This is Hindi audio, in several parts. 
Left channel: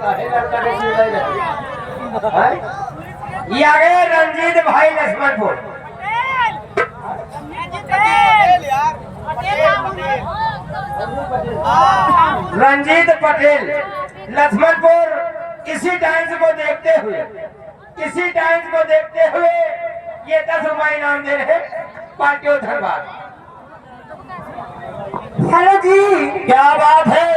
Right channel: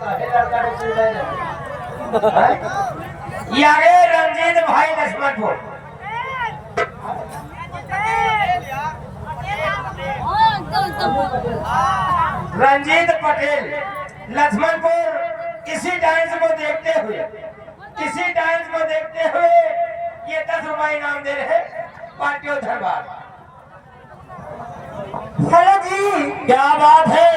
काहे लड़का के चूल्हे जाए ये आ गए रंजीत भाई लक्ष्मणपुर। रंजीत पटेल लक्ष्मणपुर। इसी डांस को देखते हुए ये 10 रुपए इनाम दे रहे पार्टियों धन्यवाद। हेलो जी, क्या बात है?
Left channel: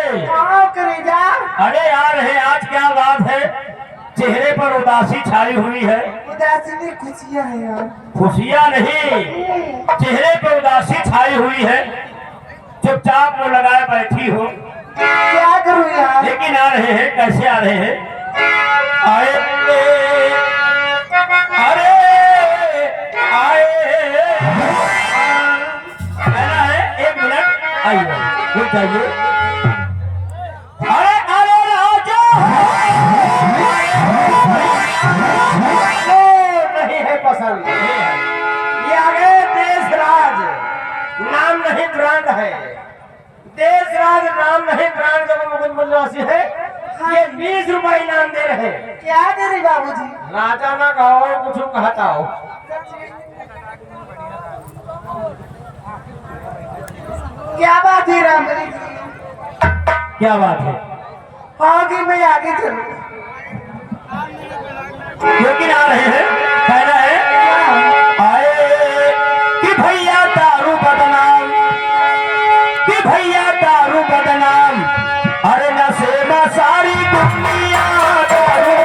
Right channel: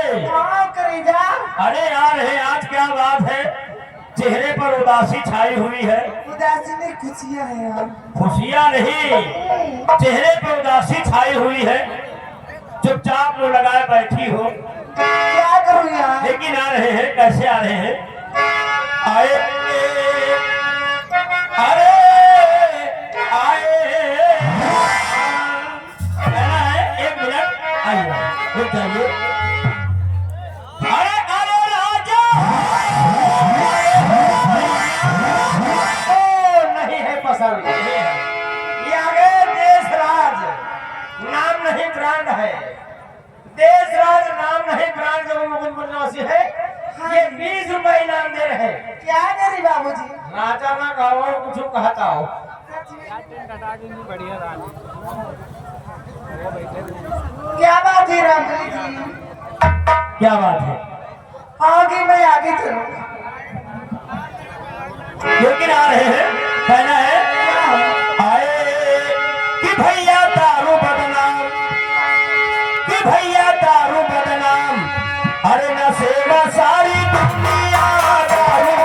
करेगा? अरे यार है आज क्या बात है? चेहरे पर उदासी छाई हुई है। उदासी नहीं, खुशियाँ है यार। खुशियाँ नहीं, चेहरे पर उदासी छाई हुई है। चुपचाप मुंह लगाए बैठी हो। क्या करूँ यार? लेकिन आ रहे हैं, कैसे आ रहे हैं? आए अरे आए कहना है 1 मिनट आइए रुक जाइए। अरे अरे राजा नहीं है पसंद। ये आ गए देश राज, नाम नहीं ब्रांड है। देश राज नाम नहीं ब्रांड जब मुकुंद बनवासी है। ये 20 रुपए इनाम दे रहे। क्या करे बाबूजी? नाचा ना गाओ कुछ कहता हो। क्या बात है रामबली जी? क्या बात है? आगे मैं आगे चलूँ। लेकिन आ रहे हैं, कहना है आए कि भैया दारू बदनाम, कि भैया दारू बदनाम। अरे नशे में सारी दुनिया दारू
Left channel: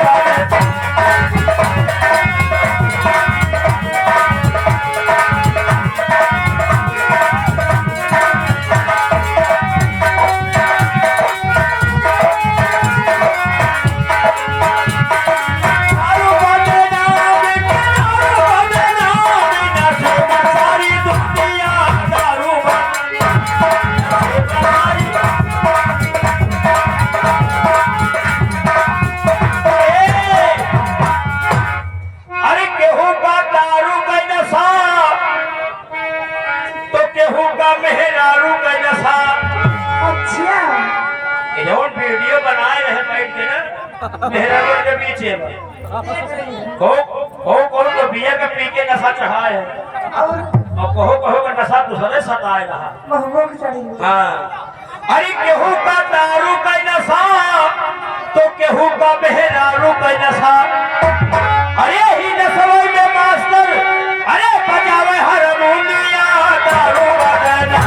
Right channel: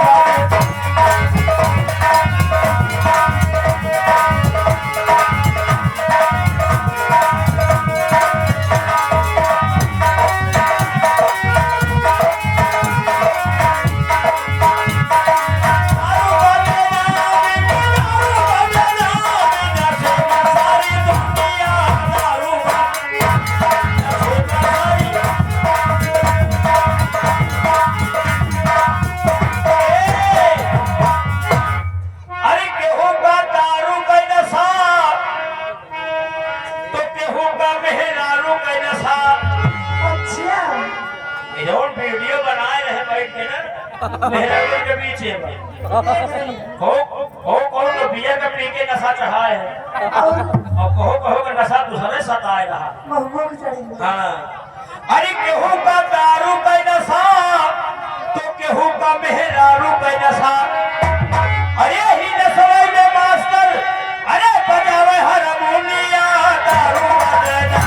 वीडियो बनाए रहे बैठ के ना मेरे के पीछे हो तो बिया का पी के नशा चढ़ा है और कहो का नशा दूसरे सताए रहा। हाँ अरे केहू का दारू का नशा तो केहू का मेहरारू का नशा। अरे ही नशे में मास्टर अरे बजावे हारमोनिया दारू बजना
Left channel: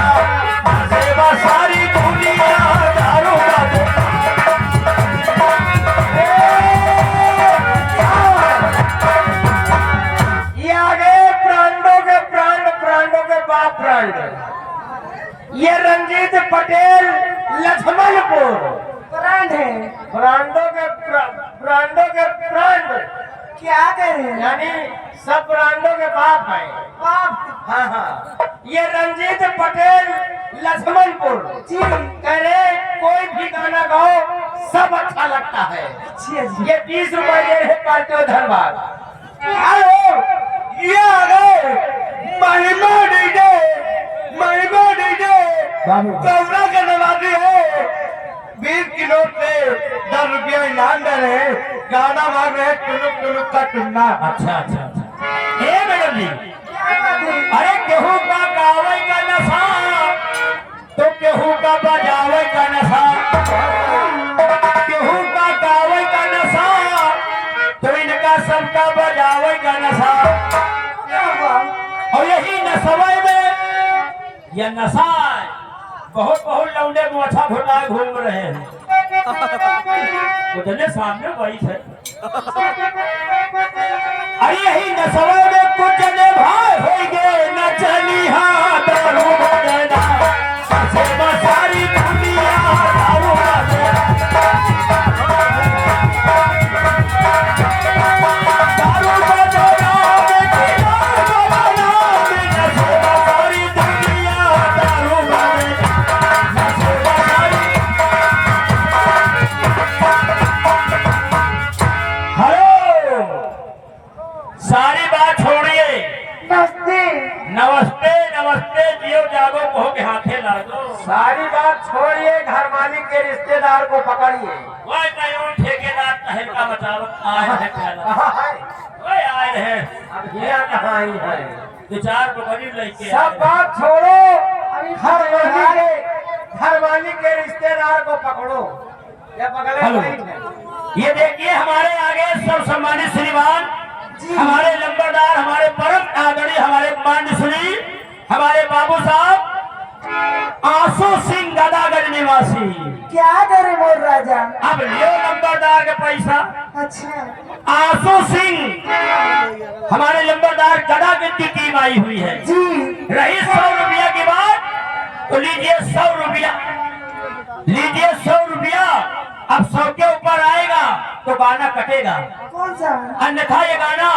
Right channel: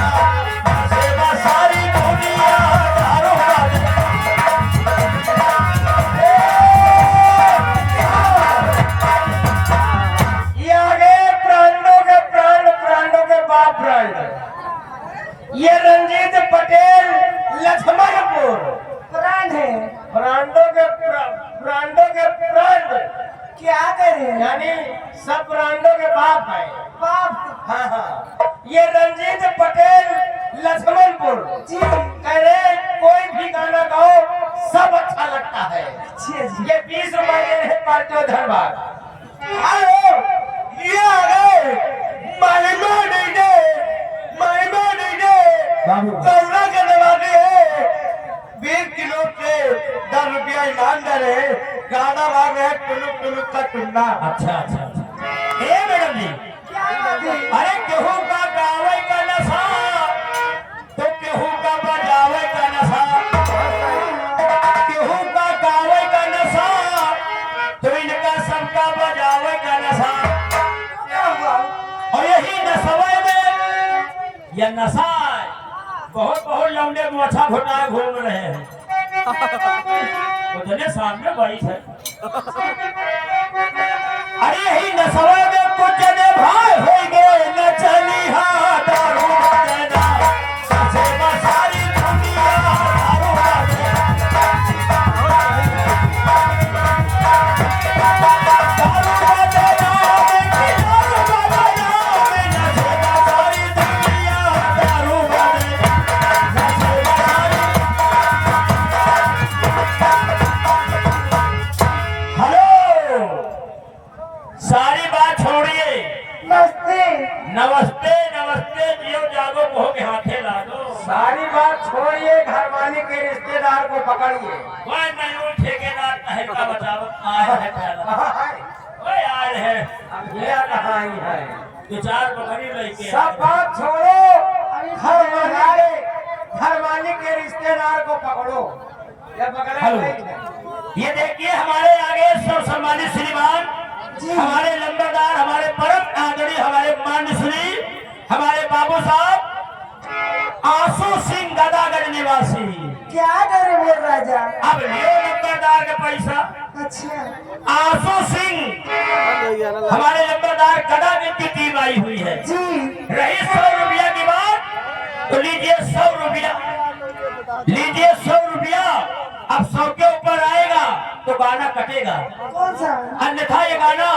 सेवा सारी दुनिया दारू बजना। ये रंजीत पटेल लक्ष्मणपुर ब्रांड है। ब्रांडों के ब्रांड क्या करे? यानी सब ब्रांडों के बाप है। बाप हाँ हाँ ये रंजीत पटेल लक्ष्मणपुर जी, कह रहे कोई भी गाना गाओ सब अच्छा लगता है। अच्छी है जी। ये 20 रुपए दे रहे पार्टियों धन्यवाद। हेलो ये आ गए महिमा डीजे कौना का नवाजी है। 20 किलो पे 10 रुपया इनाम दे रहे। गाना मांग रहे टुनुक का टुन्ना। अच्छा अच्छा अच्छा ए मैडम जी अरे केहू का गावे का नशा तो केहू का बजावे का नशा। केहू का गावे का नशा तो इनका सबका बजावे का नशा। और यही नशे में यह नशा बहुत लौंडे मोछा घुटाए घूम रहे हैं। उतने सामने बैठ है। अरे यही नशे में कुछ ने भाई हो गए न चली हाँ दारू बदना सेवा सारी दुनिया दारू बदना। सारी बात हो घर मालिक के रिश्तेदार को पकड़िए। वह नहीं ठेकेदार कहे का बताओ आए है ठेला कहाँ है? वह आए है अब ये कहाँ आई है? दो चार बकरी लेके सब बात छोड़ो, घर मालिक के रिश्तेदार को पकड़ो। ये पकड़े हेलो। भाई है। ये देखिए हमारे आगे सब सम्मानित श्रीमान हमारे लंबरदार हमारे परम आदरणीय हमारे मान्य श्री हमारे बाबू साहब आंसू सिंह गदागढ़ निवासी। क्या करे मोर राजा? अब लियो लंबरदार के पैसा। अच्छा आंसू सिंह हमारे लंबरदार गदा गिनती टीम आई हुई है। जी, रही 100 रुपया की बात तो लीजिए 100 रुपया, लीजिए 100 रुपया। अब 100 के ऊपर आएगा तो गाना कटेगा, कौन सा? अन्यथा ये गाना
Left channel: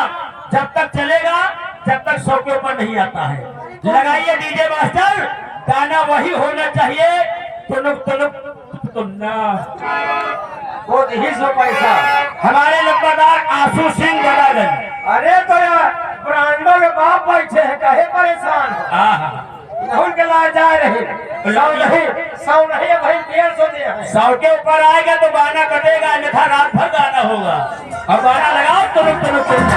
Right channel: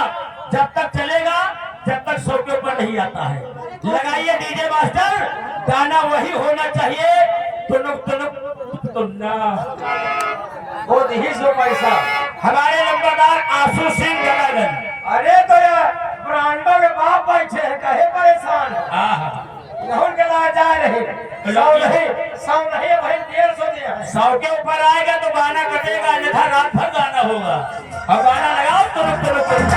जब तक चलेगा जब तक 100 के ऊपर नहीं आता है। लगाइए डीजे मास्टर, गाना वही होना चाहिए। तुनुक तुनुक तुन्ना। वो नहीं सो पैसा। हमारे लंबरदार आंसू सिंह गदागढ़। अरे तो यार ब्रांडो के बाप बैठे हैं, कहे परेशान हो? आहा इन्हों के ला जा रहे। 100 नहीं भाई 150 दिए हैं। 100 के ऊपर आएगा तो गाना कटेगा, अन्यथा रात भर गाना होगा। अब गाना लगाओ तुनुक तुनुक तुन्ना।